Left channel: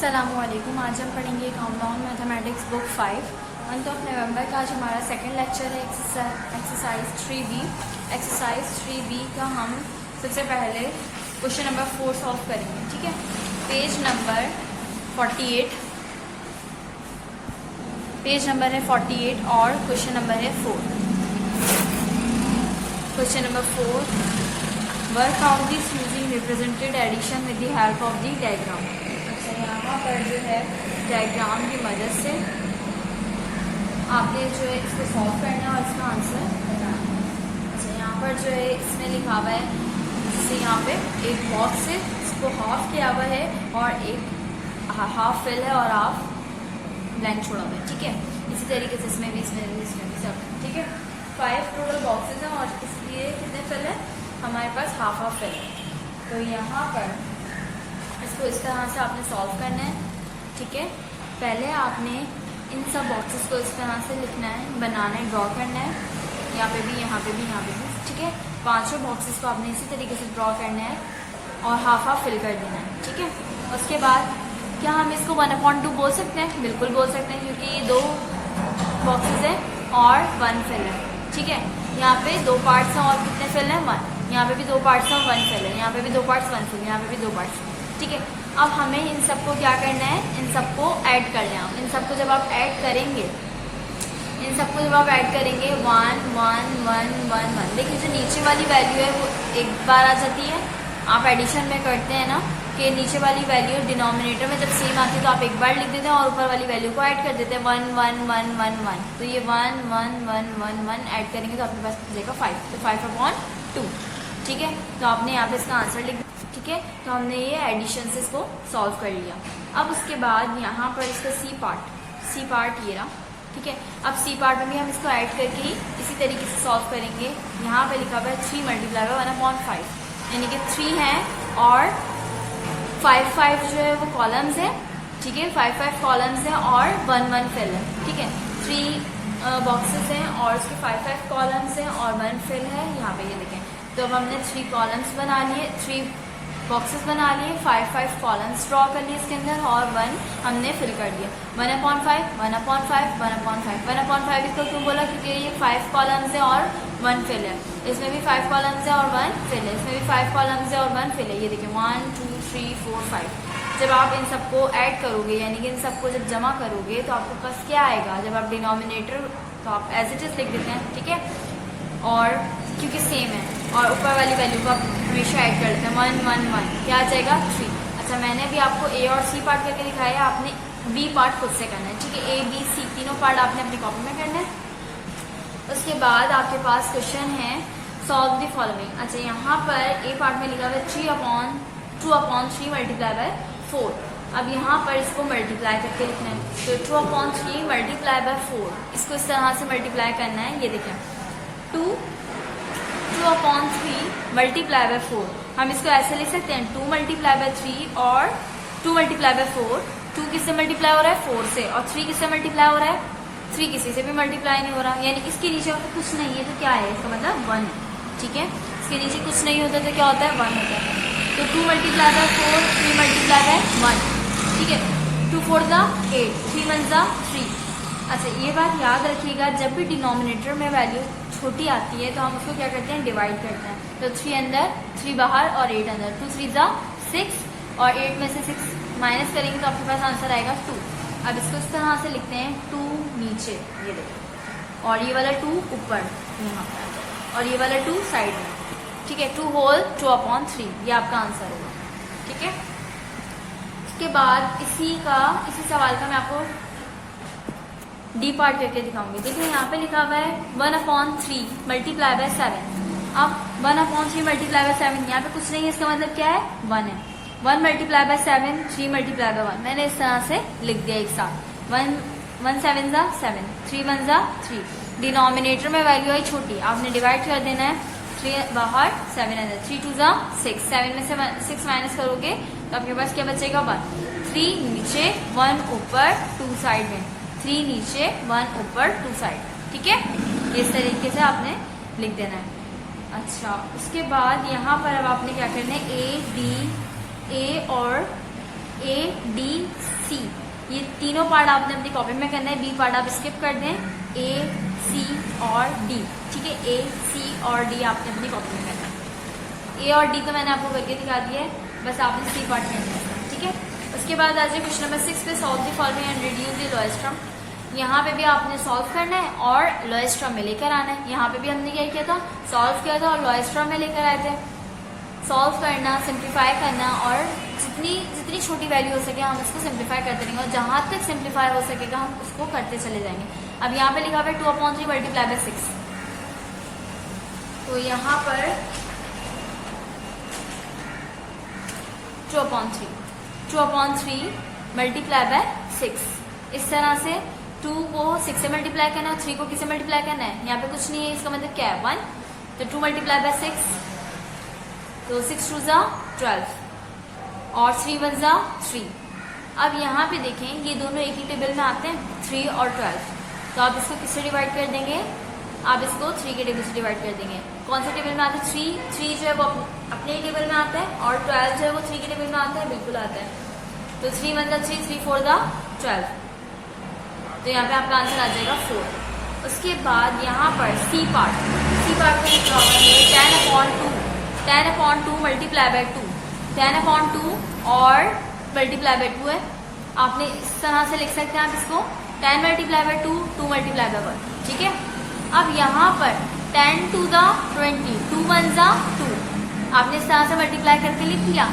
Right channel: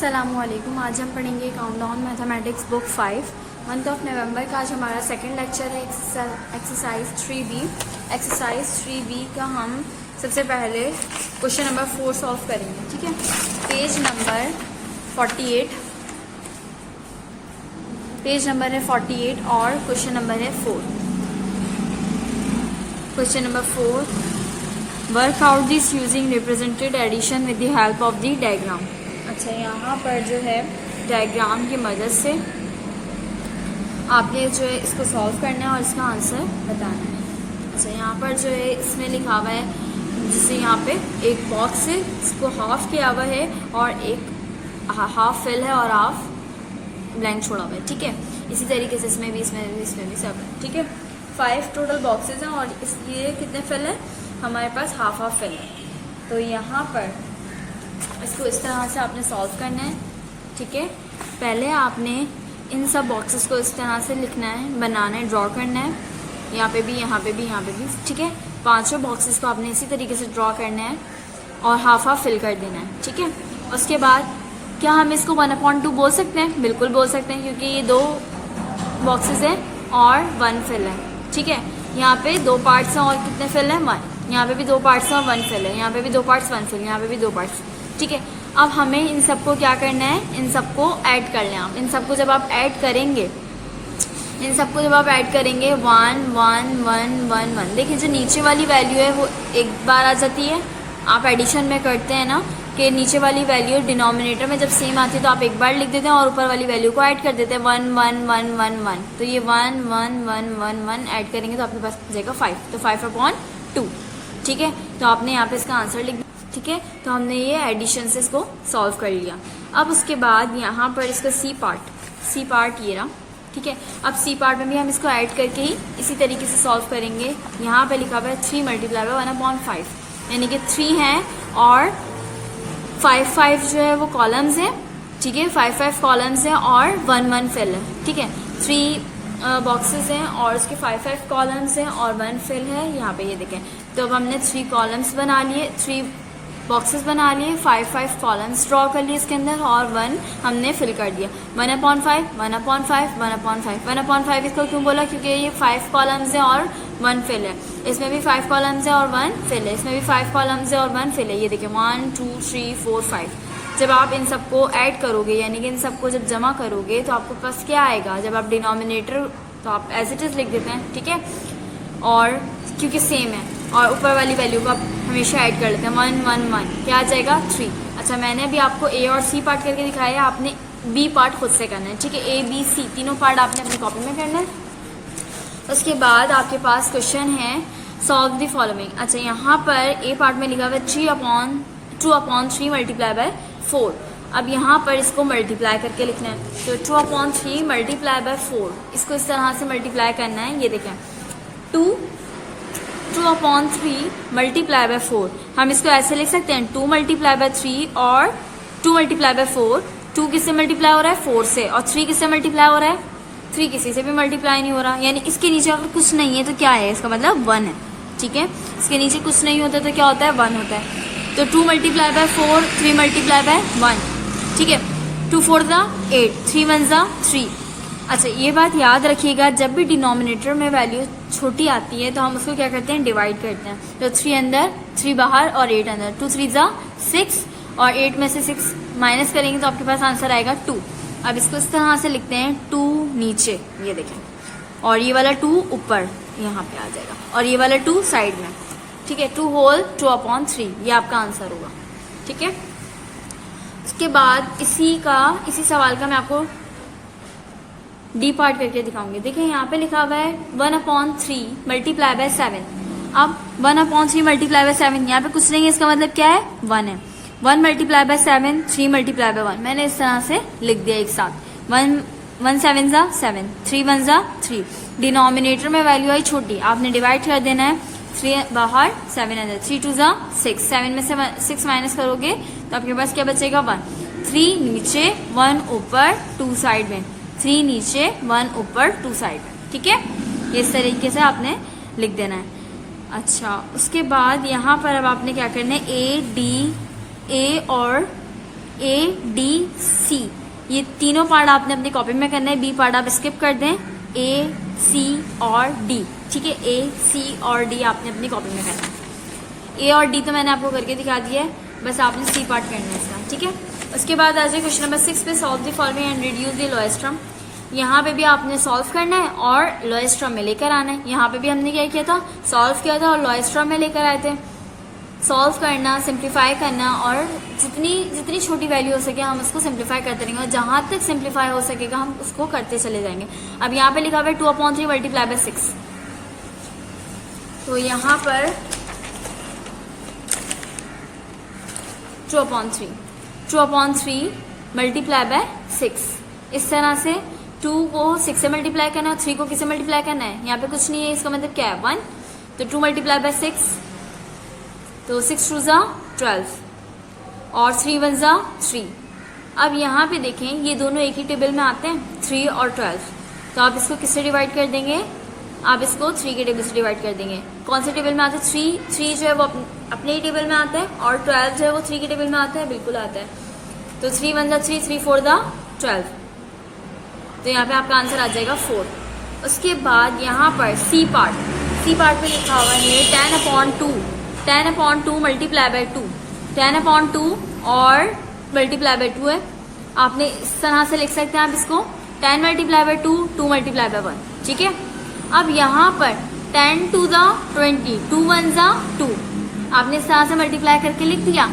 अस्सलामुअलैकुम। आज हम पढ़ेंगे countdown mathematics book 5 month of November का। आज हमारा सेकंड लेक्चर है एक्सरसाइज 3B। एक्सरसाइज 3B का हम सबसे पहले क्वेश्चन नंबर 4 सॉल्व करेंगे। ठीक है, पेज नंबर 48, पेज नंबर है 48 और क्वेश्चन नंबर है 4। Question number 4, work out this using represented addition with the help of the diagram. अच्छा, यहाँ पर जो है डायग्राम की मदद से आपने जो है इसको सॉल्व करना है और इसका आंसर बताना है। अच्छा, यहाँ पर जो है इसमें लिखा हुआ है, जिससे यहाँ पे एक बॉक्स है, इसको हाफ किया हुआ है और एक हाफ फिल है और हाफ ब्लैंक छोड़ा हुआ है। ठीक है, इसी तरीके से इसमें भी सब है। ठीक है, 5 टोटल बॉक्सेज हैं और इसलिए कितने फिल है हमारे पास? हाफ फिल है। तो यहाँ पर इसको इस तरह से आपने सॉल्व करना है। ठीक है, पहले आपने इन सब बॉक्सेस को इस तरह से लिखना है, बनाना है, ड्रॉ करना है। यहाँ पे भी, यहाँ पे भी, यहाँ पे भी। ठीक है, पांचों बॉक्सेस को आपने इसी तरीके से ड्रॉ करना है और हाफ फिल कर देना है। ठीक है, उसके बाद क्या हम इसको 1/2 बोल सकते हैं? बिल्कुल बोल सकते हैं, क्योंकि ये 2 बॉक्सेस है और 1 फिल है। ठीक है, यहाँ पे 2 पार्ट्स हैं और कितने फिल है? 1। यहाँ पे भी 2 पार्ट्स हैं और 1 फिल है। यहाँ पे भी 2 पार्ट्स 1 फिल, यहाँ पे भी 2 पार्ट्स। ठीक है, अब हमें इन सबको क्या करना है? इन सबको ऐड कर लेना। इन सबको जब आप ऐड करेंगे, 1 1 1 1 1, देखिए जो नीचे वाली वैल्यू है वो एक बार आ जाती है। आप एडिशन में करते हैं ना कि नीचे वाली वैल्यू डिनोमिनेटर में जब सेम आती है तो आप एक बार लिख देते हैं और ऊपर वाली वैल्यू को ऐड कर देते हैं, 1 1 1 1 1। तो ये 1 1 1 1 1 ऐड करेंगे तो आपके पास जाएगा 5, तो 5/2। ठीक है, तो आपने यहाँ पे इसका आंसर लिख दिया। ठीक है, तो हमने ये एडिशन से इसको सॉल्व कर लिया। अब उसके बाद यहाँ पर इसका सी पार्ट ये रहा। ठीक है, अब सी पार्ट में भी हम इसको ऐड करके ही इसी तरीके से सॉल्व करेंगे। यहाँ पे लिखा हुआ है 3 × 1/5, यानी कि 3 है और 5 जो है वो कॉलम्स है। ठीक है, 5 कॉलम्स है और 1 1 फिल है। ठीक है, 3 बॉक्सेस हैं और उसके 5 कॉलम्स हैं और 1 फिल है। यहाँ पे ये देखें, तो अब हमने 3 कॉलम्स बना लिए, 3 बॉक्सेस बना लिए, 5 कॉलम्स ड्रॉ कर लिए इसके अंदर और 1 हमने फिल कर दिया। 1/5 1/5 1/5 1/5 इसको क्यों बोला? क्योंकि ये 5 कॉलम्स है और 1 फिल है। इसमें भी 5 कॉलम्स है और 1 फिल है। इसमें भी 5 कॉलम्स है और 1 फिल है। ये देखिए 1 2 3 4 5। जब आप इन सबको ऐड करोगे, यानी कि इन सबको जब जमा करोगे तो आपको पास क्या आएगा? जब आप डिनोमिनेटर तो आप एज इट इज लिख देते हैं। ठीक है, और क्योंकि सेम है और ऊपर वाली वैल्यू को आप हमेशा ऐड कर लेते हैं, 1 1 1, क्या आ जाएगा? 3। अच्छा, मैंने अभी आपको ए और सी पार्ट करके दिखाया है, आपने बी पार्ट खुद से करना है। ठीक है, A B C तीनों पार्ट आपने अपनी कॉपी में करना है। उसके बाद आपके पास क्वेश्चन है सॉल्व द फॉलोइंग। अच्छा, यहाँ पर ए पार्ट में लिखा हुआ है 2/3 मल्टीप्लाई बाय 4। अब यहाँ पर इसको मल्टीप्लाई करके लिखना है, तो 2/3 मल्टीप्लाई बाय 4, इसको इस तरह से मल्टीप्लाई करना है। ये देखें 2/3 मल्टीप्लाई बाय 4, हम इसको ऐसे लिख सकते हैं 2 × 3 और 2 × 4। 2 किससे मल्टीप्लाई हो रहा है? 4 से, और 3 किससे मल्टीप्लाई हो रहा है? 3 किसी से भी मल्टीप्लाई नहीं हो रहा, यानी इसके नीचे अगर कुछ नहीं है तो क्या है? इसका मतलब 1 है। ठीक है, इसके नीचे कुछ नहीं होता तो क्या होता है? 1 होता है। तो 2 × 4, 3 × 1। ठीक है, 2 4 8, 3 1 3। अच्छा, ये बात याद रखिएगा, जब भी डिनोमिनेटर में वैल्यू छोटी आती है तो हम उसको क्या करते हैं? डिवाइड करते हैं। तो 3 अंदर, 3 बाहर और 8 अंदर, 2 3 6 और 8 में से 6 माइनस करेंगे तो आपके पास आंसर आएगा 2। अब इसको इस तरह से लिखते हैं, 2 नीचे, ये देखें, और ये वाला 2 ऊपर यहाँ पे आ जाएगा और ये वाला 2 साइड में। ठीक है, 2 होल 2/3, ये आपका आंसर होगा। ठीक है, उसके बाद इसी सवाल का मैं आपको डी पार्ट करके दिखाऊंगी। देखिए यहाँ पे लिखा हुआ है 1/3 मल्टीप्लाई बाय 7। अब 1/3 मल्टीप्लाई बाय 7, यहाँ पे कुछ नहीं है, इसका मतलब क्या है? 1 है। 1 × 7, 3 × 1, मैंने इस तरह से लिख दिया एक साथ। 1 7 7, 3 1 3। डिनोमिनेटर में वैल्यू आई छोटी, आपने डिवाइड कर देना है, 3 बाहर 7 अंदर, 3 2 6, 7 में से 6 माइनस करोगे तो आपके पास क्या बचेगा? 1। 3 नीचे 1 ऊपर 2 साइड में, 3 नीचे 1 ऊपर 2 साइड में। ठीक है, इस तरीके से आपने लिख देना है। अच्छा, उसके बाद यहाँ पर अब आपने क्या करना है? A और ADC, ये तीनों पार्ट आपने अपनी कॉपी में करना है, बी पार्ट आप स्किप कर दें, AC और D, ठीक है, AC और D आपने अपनी कॉपी में करना है। A और D तो मैंने आपको करके दिखा दिया है, बस आपने C पार्ट करना है इसका, ठीक है। उसके बाद आ जाए क्वेश्चन नंबर 6 पे, solve the following and reduce the lowest term. यहाँ पे भी आपने सॉल्व करना है और लोएस्ट टर्म में लेकर आना है। यहाँ पे भी हमने क्या किया था, सॉल्व किया था और लोएस्ट टर्म में लेकर आए थे। सॉल्व करना, सिंप्लीफाई करना और जितनी छोटी वैल्यू हो सके हम उसको सिंप्लीफाई करते रहेंगे और जहां तक सिंप्लीफाई हो सकेगा हम उसको करते चले जाएंगे। अब यहाँ पे लिखा हुआ है 2/3 मल्टीप्लाई बाय 6, तो यहाँ पर 2/3 मल्टीप्लाई बाय 6, इस तरह से 2 को 6 से मल्टीप्लाई करना है, 3 को किससे मल्टीप्लाई करना है, यहाँ पे कुछ नहीं है, इसका मतलब क्या है 1, तो 2 मल्टीप्लाई बाय 6, तो 6 2 ज़ा 12 और 3 1 ज़ा 3। अब यहाँ पे देखें ये दोनों एक ही टेबल में आते हैं, 3 और 12, तो आप इसको किससे डिवाइड कर देंगे, आप इसको 3 के टेबल से डिवाइड कर देंगे। कौन से टेबल में आता है, 3 जो है वो अपने ही टेबल में आता है और 12 जो है वो 3 के टेबल में आता है, बिल्कुल आता है। तो 3 1 ज़ा 3, 3 4 ज़ा 12, तो यहाँ पे आपका आंसर आ जाएगा 4। उसके बाद यहाँ पर सी पार्ट में लिखा हुआ है 10/2 मल्टीप्लाई बाय 2, 10/2 और मल्टीप्लाई बाय 2 है। आपने इस तरह से लिख सकते हैं आप इसको 10 मल्टीप्लाई बाय 2, 2 मल्टीप्लाई बाय 1, ठीक है। अब यहाँ पर 10 2 ज़ा 20, 2 1 ज़ा 2, आपने इस तरह से मल्टीप्लाई करके लिख दिया।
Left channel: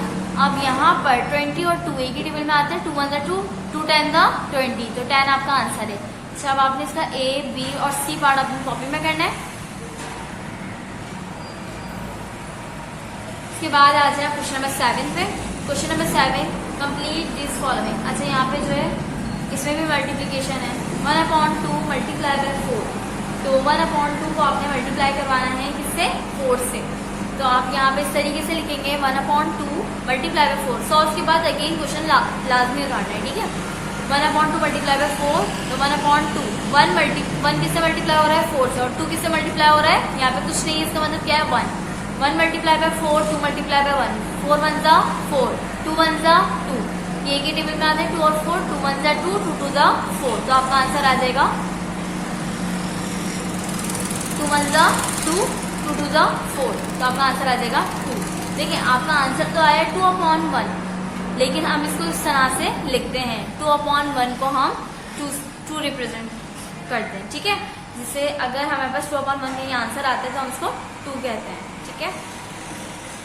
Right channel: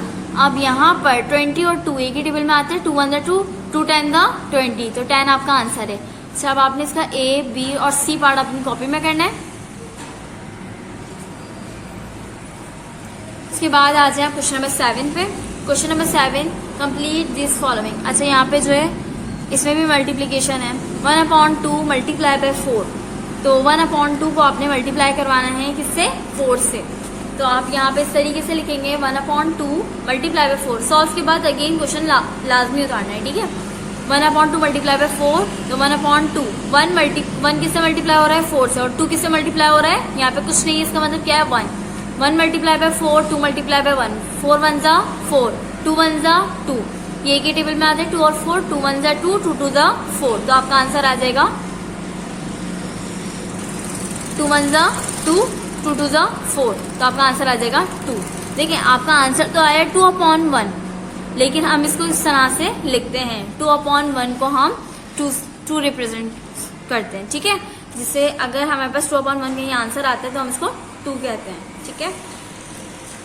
अब यहाँ पर 20 और 2 एक ही टेबल में आते हैं, 2 1 ज़ा 2, 2 10 ज़ा 20, तो 10 आपका आंसर है। अच्छा, अब आपने इसका A, B और C पार्ट अपनी कॉपी में करना है। उसके बाद आ जाए क्वेश्चन नंबर 7 पे। Question number 7, complete this following. अच्छा, यहाँ पे जो है इसमें भी मल्टीप्लीकेशन है, 1/2 मल्टीप्लाई बाय 4, तो 1/2 को आपने मल्टीप्लाई करवाना है किससे, 4 से, तो आप यहाँ पे इस तरीके से लिखेंगे 1/2 मल्टीप्लाई बाय 4। सॉल्व के बाद अगेन क्वेश्चन लाजमी उतारना है, ठीक है। 1/2 मल्टीप्लाई बाय 4, तो 1/2 1 किससे मल्टीप्लाई हो रहा है, 4 से, और 2 किससे मल्टीप्लाई हो रहा है, यहाँ पे कुछ नहीं है, इसका मतलब क्या है 1 मल्टीप्लाई बाय 4, 2 मल्टीप्लाई बाय 1, 4 1 ज़ा 4, 2 1 ज़ा 2, ये एक ही टेबल में आ जाए 2 और 4, 2 1 ज़ा 2, 2 2 ज़ा 4, तो आपका आंसर आ जाएगा 2 1 ज़ा 2, 2 2 ज़ा 4, तो आपका आंसर आ जाएगा 2। देखिए आपका आंसर तो आया 2/1, लेकिन हम इसको इस तरह से लिखते हैं, 2/1 को हम 2 रिप्रेजेंट करते हैं, ठीक है। जिससे अगर हमारे पास 2/1 का ये आंसर आता है तो हम इसको 2 कहते हैं, ठीक है।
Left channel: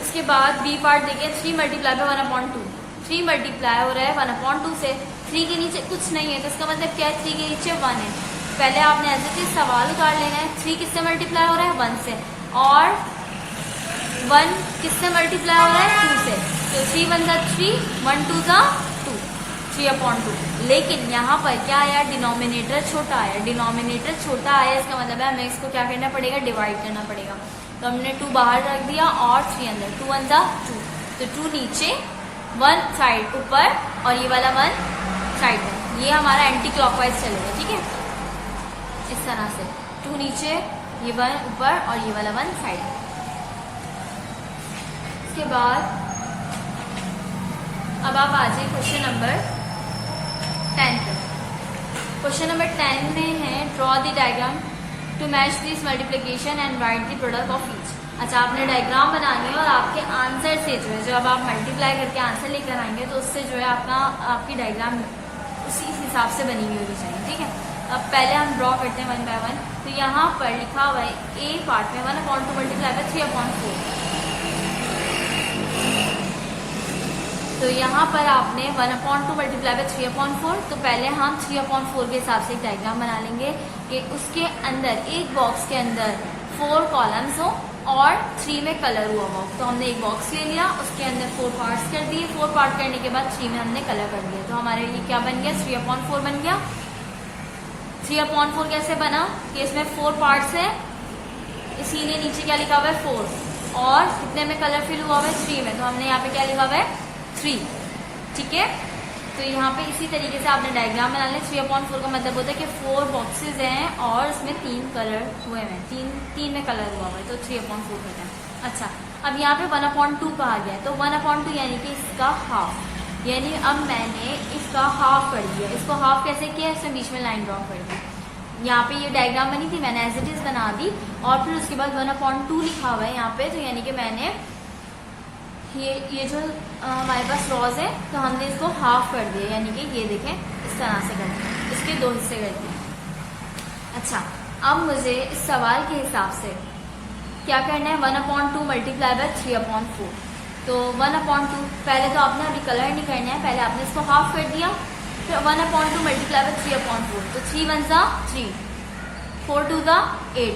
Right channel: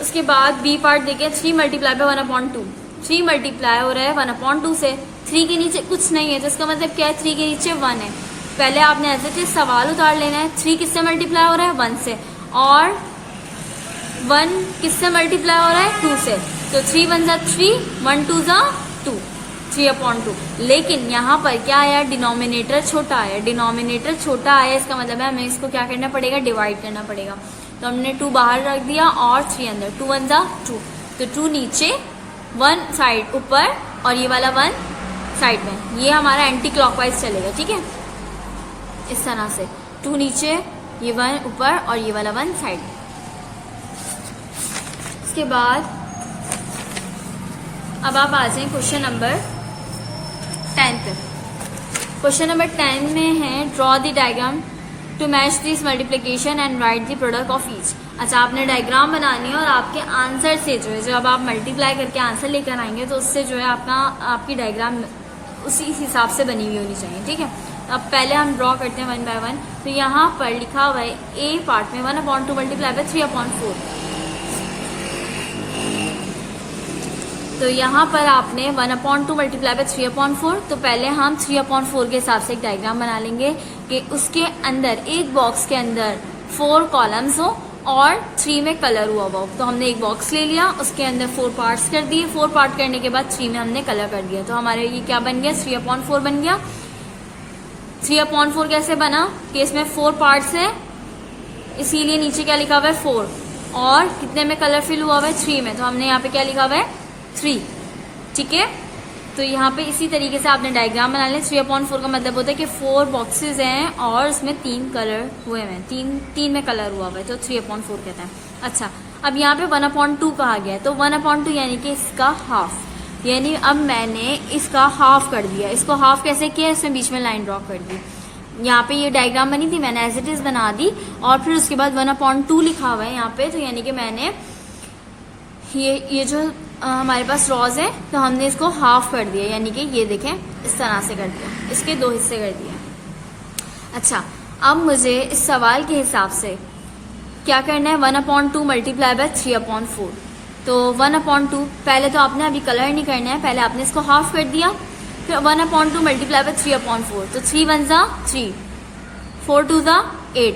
उसके बाद बी पार्ट देखें, 3 मल्टीप्लाई बाय 1/2, 3 मल्टीप्लाई हो रहा है 1/2 से, 3 के नीचे कुछ नहीं है, तो इसका मतलब क्या है, 3 के नीचे 1 है। पहले आपने ऐसे कि सवाल उतार लेना है, 3 किससे मल्टीप्लाई हो रहा है, 1 से, और 1 किससे मल्टीप्लाई हो रहा है, 2 से, तो 3 1 ज़ा 3, 1 2 ज़ा 2, 3/2। लेकिन यहाँ पर क्या आया, डिनोमिनेटर छोटा आया, डिनोमिनेटर छोटा आया, इसका मतलब है हमें इसको क्या करना पड़ेगा, डिवाइड करना पड़ेगा। तो हमने 2 बाहर रख दिया और 3 अंदर, 2 1 ज़ा 2, तो 2 नीचे, 1 साइड ऊपर और ये वाला 1 साइड में, ये हमारा एंटी क्लॉकवाइज चलेगा, ठीक है, इस तरह से 2 नीचे, ये 1 ऊपर और ये वाला 1 साइड में। इसके बाद अब आप आ जाए क्वेश्चन नंबर 10 पे। क्वेश्चन नंबर 10 में है draw the diagram to match this multiplication and write the product of each. अच्छा, आपने डायग्राम बनानी है और आपके आंसर से जो है, जब आप मल्टीप्लाई करके आंसर लेकर आएंगे तो उससे जो है आपकी डायग्राम उसी हिसाब से बनी हुई होनी चाहिए, ठीक है। अब पहले हम ड्रॉ करते हैं 1 बाय 1। तो यहाँ पर लिखा हुआ है ए पार्ट में 1/2 मल्टीप्लाई बाय 3/4, तो यहाँ पर आपने 1/2 मल्टीप्लाई बाय 3/4, तो पहले हम 3/4 के हिसाब से एक डायग्राम बना लेंगे कि उसके अंदर एक बॉक्स के अंदर 4 कॉलम्स हो और 3 में कलर हुआ हो। तो हमने एक बॉक्स ले लिया, उसके अंदर 4 पार्ट्स कर दिए, 4 पार्ट करने के बाद 3 में हमने कलर कर दिया, तो हमारे ये क्या बन गया, 3/4 बन गया। 3/4 कैसे बना कि इसमें 4 पार्ट्स है, इसीलिए नीचे क्या लिखा हुआ है 4, और कितने में कलर फिल हुआ हुआ है, 3 में, तो हमने यहाँ पे क्या लिखा हुआ है 3, ठीक है। तो यहाँ पे इसी तरीके से आपने डायग्राम बना लिया। 3/4 का मतलब होता है कि 4 बॉक्सेस हैं और उसमें 3 कलर हुए हैं, 3 में कलर हुआ हुआ है, तो 3/4 कहते हैं। अच्छा, अब यहाँ पे 1/2 कहा गया है, तो 1/2 यानी कि इसका हाफ, यानी अब मैंने इसका हाफ कर दिया। इसको हाफ कैसे किया, इसमें बीच में लाइन ड्रॉ कर दी। यहाँ पे ये डायग्राम बनी थी, मैंने एज इट इज बना दी और फिर उसके बाद 1/2 लिखा हुआ है यहाँ पे। तो यानी कि मैंने ये जो हमारे पास रॉज है तो हमने इसको हाफ कर दिया, यानी कि ये देखें इस तरह से कर दिया, इसके 2 हिस्से कर दिए। अच्छा, अब मुझे इस सवाल के हिसाब से क्या करना है, 1/2 मल्टीप्लाई बाय 3/4। तो 1/2 पहले तो आपने अभी कलर नहीं करना है, पहले आपने इसको हाफ कर दिया, फिर 1/2 मल्टीप्लाई बाय 3/4। तो 3 1 जा 3, 4 2 जा 8।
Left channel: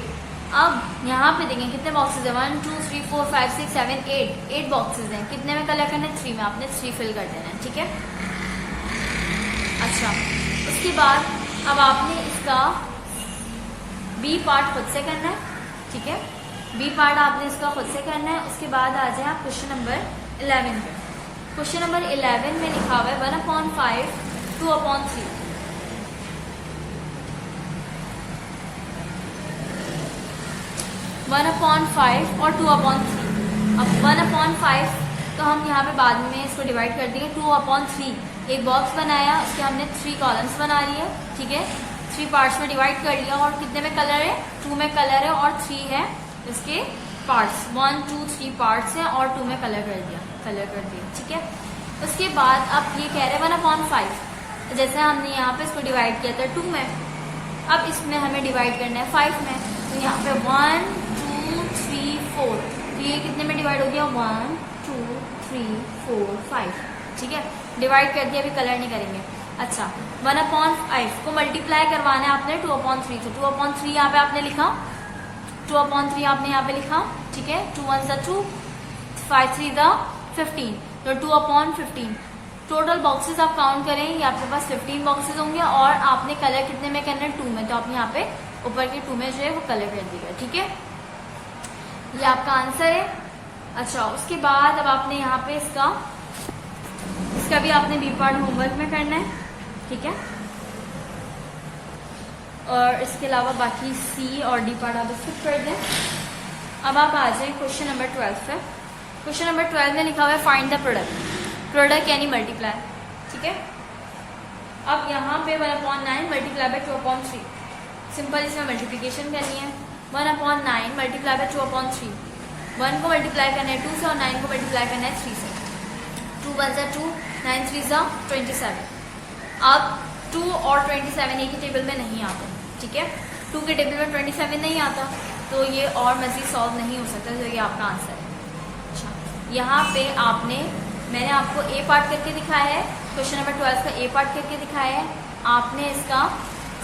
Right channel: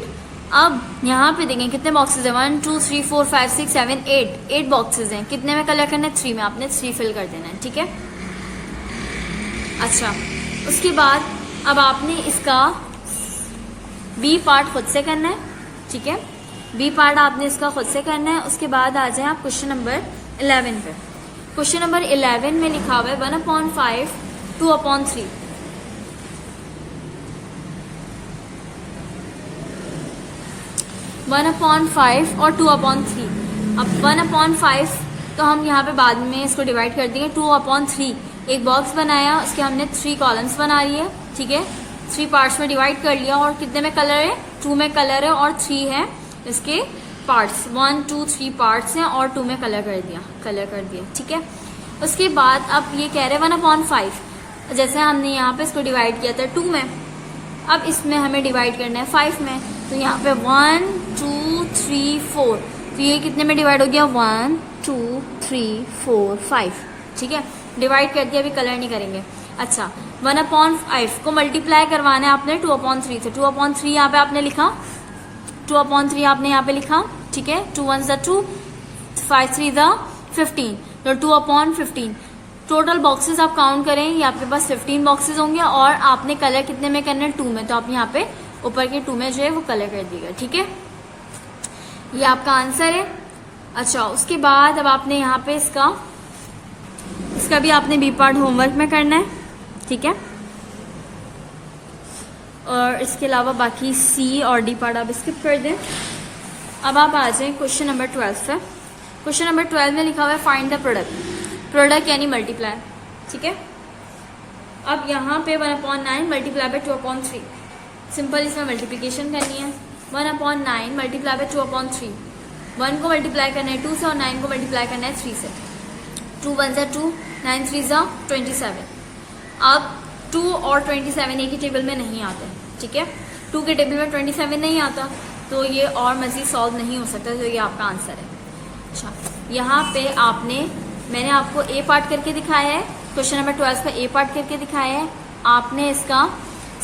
अब यहाँ पे देखें कितने बॉक्सेस हैं, 1 2 3 4 5 6 7 8 बॉक्सेस हैं। कितने में कलर करना है, 3 में। आपने 3 फिल कर देना है, ठीक है। अच्छा, उसके बाद अब आपने इसका बी पार्ट खुद से करना है, ठीक है। बी पार्ट आपने इसका खुद से करना है। उसके बाद आ जाए आप क्वेश्चन नंबर 11 पे। क्वेश्चन नंबर 11 में लिखा हुआ है 1/5 2/3। 1/5 और 2/3। अब 1/5 तो हम यहाँ पे बाद में इसको डिवाइड कर देंगे। 2/3 एक बॉक्स बनाया, उसके हमने 3 कॉलम्स बना लिए, ठीक है। 3 पार्ट्स में डिवाइड कर लिया और कितने में कलर है, 2 में कलर है और 3 है इसके पार्ट्स। 1 2 3 पार्ट्स हैं और 2 में कलर कर दिया, ठीक है। उसके बाद अब ये कह रहे हैं 1/5, जैसे हमने यहाँ पे इसको डिवाइड किया था 2 में, अब इसमें हमें डिवाइड करना है 5 में। तो यहाँ पे 1 2 3 4, तो ये कितने में डिवाइड हो गया, 1 2 3 4 5, ठीक है। डिवाइड कर दिया, अभी कलर नहीं करेंगे। अच्छा, 1/5 को मल्टीप्लाई करवाना है आपने 2/3 से। 2/3 यहाँ पे आपने लिखा, 2/3 आपने यहाँ पे लिखा, ठीक है। 2 1 जा 2, 5 3 जा 15, तो 2/15। टोटल बॉक्सेस आप काउंट करें, ये आपके पास 15 बॉक्सेस होंगे और आपने कलर कितने में करना है, 2 में। तो आप यहाँ पे ऊपर के 2 में जो है वो कलर कर दीजिएगा, ठीक है। ये आपका आंसर है। अच्छा, उसके बाद अब आपने यहाँ पे इसका भी आपने बी पार्ट होमवर्क में करना है, ठीक है। और इसके अलावा बाकी सी और डी पार्ट आप स्किप कर दें। अब आप आ जाए क्वेश्चन नंबर 12 पे। क्वेश्चन नंबर 12 में लिखा हुआ है फाइंड द प्रोडक्ट यानी मल्टीप्लाई, ठीक है। अब यहाँ पे 1/9 मल्टीप्लाई बाय 2/3, सिंपल इसमें मल्टीप्लिकेशन करनी है। 1/9 मल्टीप्लाई बाय 2/3, 1 को मल्टीप्लाई करना है 2 से और 9 को मल्टीप्लाई करना है 3 से। 2 1 जा 2, 9 3 जा 27। अब 2 और 27 एक ही टेबल में नहीं आते, ठीक है। 2 के टेबल में 27 नहीं आता, तो ये और मजीद सॉल्व नहीं हो सकता, तो ये आपका आंसर है। अच्छा, यहाँ पे मैंने आपको ए पार्ट करके दिखाया है, क्वेश्चन नंबर 12 पे ए पार्ट करके दिखाया है। आपने इसका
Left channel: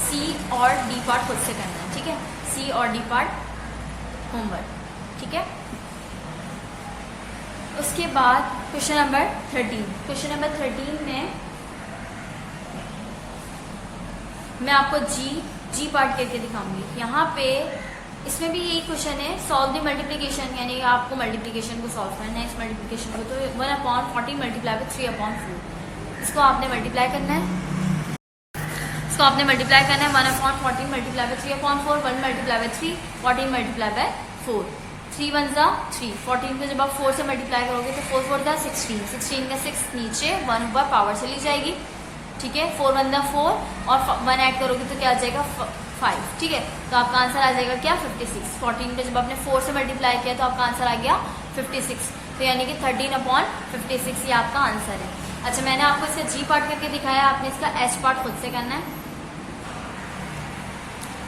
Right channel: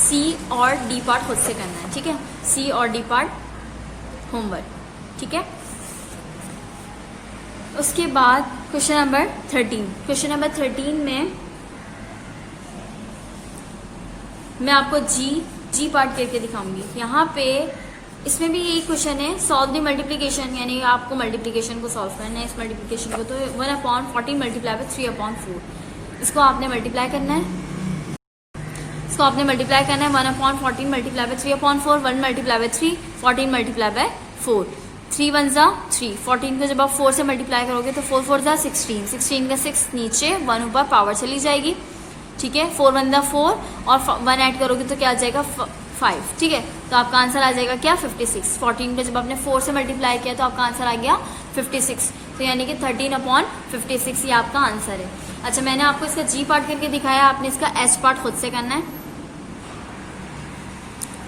सी और डी पार्ट खुद से करना है, ठीक है। सी और डी पार्ट होमवर्क, ठीक है। उसके बाद क्वेश्चन नंबर 13। क्वेश्चन नंबर 13 में मैं आपको जी पार्ट करके दिखाऊंगी। यहाँ पे इसमें भी यही क्वेश्चन है, सॉल्व द मल्टीप्लिकेशन, यानी आपको मल्टीप्लिकेशन को सॉल्व करना है, इस मल्टीप्लिकेशन को। तो 1/14 मल्टीप्लाई बाय 3/4, इसको आपने मल्टीप्लाई करना है। 1/14 multiply by 3/4, 1 multiply by 3, 14 multiply by 4, 3 1 जा 3, 14 को जब आप 4 से मल्टीप्लाई करोगे तो 4 4 जा 16, 16 का 6 नीचे, 1 ऊपर, पावर चली जाएगी, ठीक है। 4 1 जा 4 और 1 ऐड करोगे तो क्या आ जाएगा 5, ठीक है। तो आपका आंसर आ जाएगा क्या 56। 14 को जब आपने 4 से मल्टीप्लाई किया तो आपका आंसर आ गया 56, तो यानी कि 13/56 ये आपका आंसर है। अच्छा, मैंने आपको इसका जी पार्ट करके दिखाया, आपने इसका एच पार्ट खुद से करना है,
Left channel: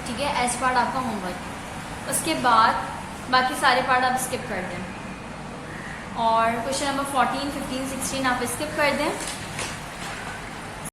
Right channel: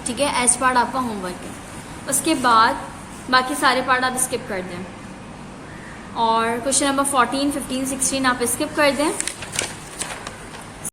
ठीक है। एच पार्ट आपका होमवर्क है। उसके बाद बाकी सारे पार्ट आप स्किप कर दें और क्वेश्चन नंबर 14 15 16 आप स्किप कर दें।